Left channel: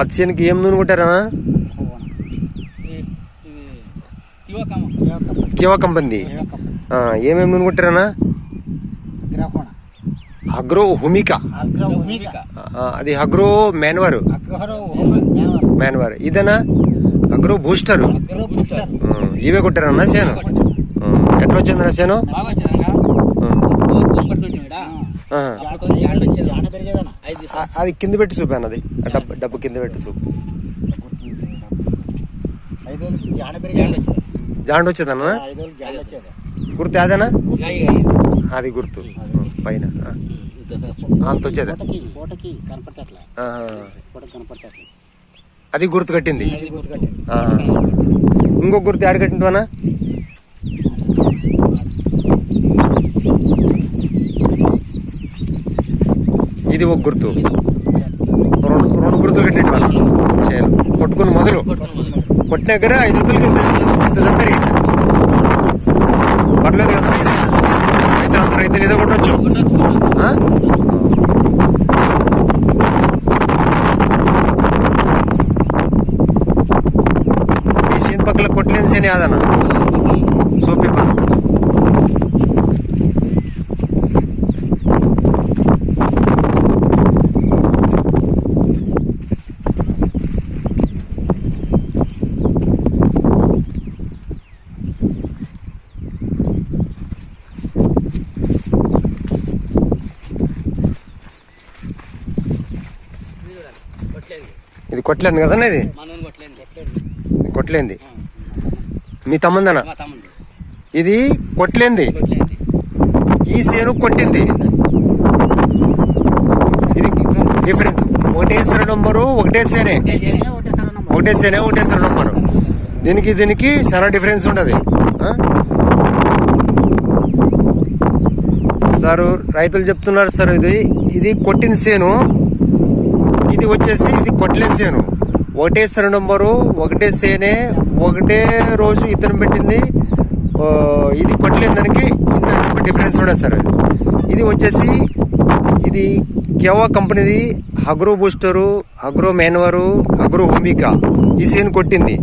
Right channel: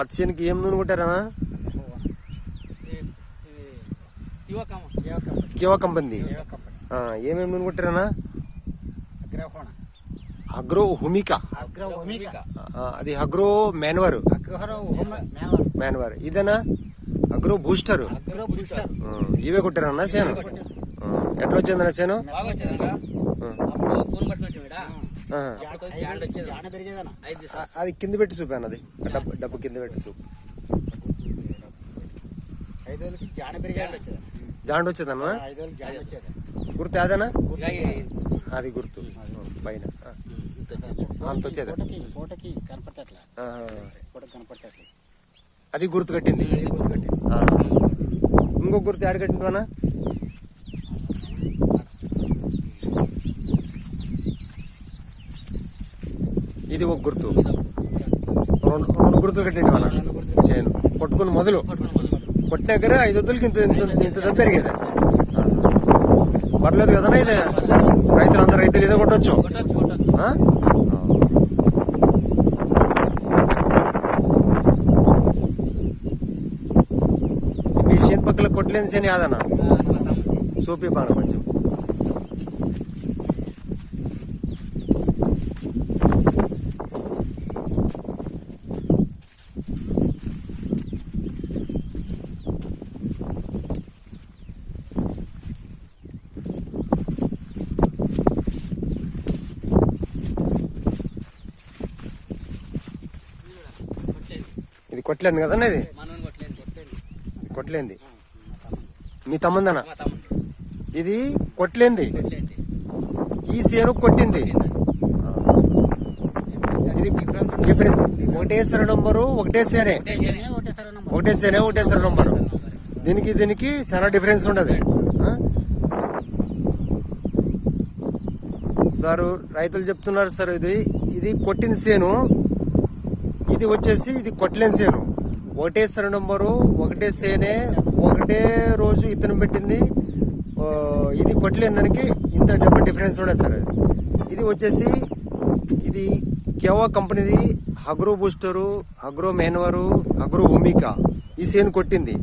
పత్తి చేనుకి ఏం నూనె కొట్టారనా? కివా కంపెనీ. ఏమేమి నూనె కొట్టారనా? అగ్రో హుమికా. అది అగ్రో మ్యాన్వర్. ఇదేనా అగ్రో బూస్టర్. ఇవే కొట్టారన్నా చేను? ఎట్లా వచ్చిందన్నా చేను? అది కింద పెట్టి చూపాను. అది డబ్బు కింద పెట్టి చూపు. జాండ వచ్చేదన్నా? గుర్తు అదేనా? అది గుర్తు పైన అంత వచ్చేదా? అది గుర్తు కట్టింది. ఇంకో గుర్తు ఆడ కట్టింటివనా? ఇది ఒక గుర్తు. రెండు గుర్తులు కట్టింటి వాళ్ళ చేను కొట్టుకుని మొదలు కొట్టిన దగ్గర 5 వద్దులకి ఇంత పెరిగింది. పర్లేదు కదా ఇది? రైతులు ఇదే కొట్టవచ్చు. ఈ చేను పక్కల కొట్టలేని చేను యాదనా? సోపి పని ఇది కొట్టలేదు కదన్నా? ఇది కొట్టలేంది. మీ తమ్ముందనా? ఇది కొట్టలేంది. ఈ సేను కొట్టింది. ఇది డిఫరెన్స్. ఒకటే సర నంబరు, ఒకటే సేనే నంబరు. దీనికి చాలా డిఫరెన్స్ ఉండదు సార్. రైతులు చెప్తున్నారు సార్, ఇది కొట్టిన సేను, ఇది వచ్చేసి ఇది కొట్టలేని సేను. ఒకటే సర నంబరు, ఒకటే సేనే, ఒకటే రోజు ఇతను పెట్టింది. ఇది కొట్టలేని దానికి ఇంత డబ్బు డిఫరెన్స్ ఉండదు సార్. ఇది వచ్చేసి ఇది కివా కంపెనీది అగ్రో బూస్టరు, అగ్రో మ్యాన్వరు, అగ్రో హుమికా. ఈ సేను కొట్టింది.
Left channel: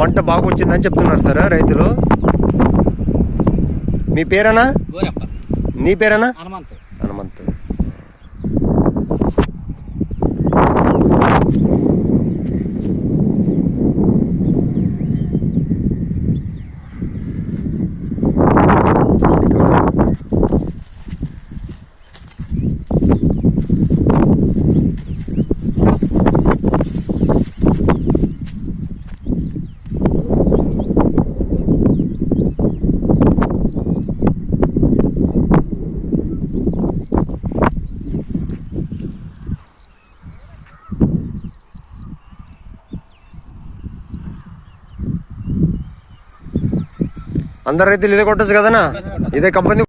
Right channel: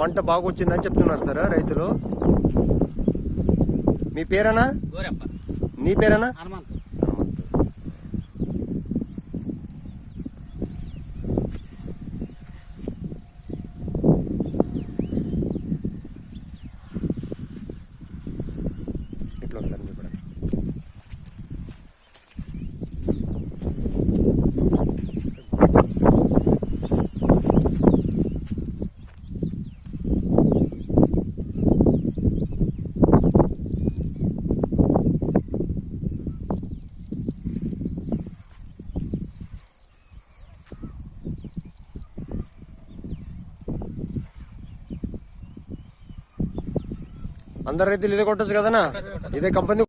పంట బాగా వచ్చిందని చెప్తున్నారు సార్ రైతులు. మీ పేరేనా? నీ పేరేనా? హనుమంత్. అందరు రైతులు ఇదే కొట్టచ్చు కదనా? ఇదే కంపెనీ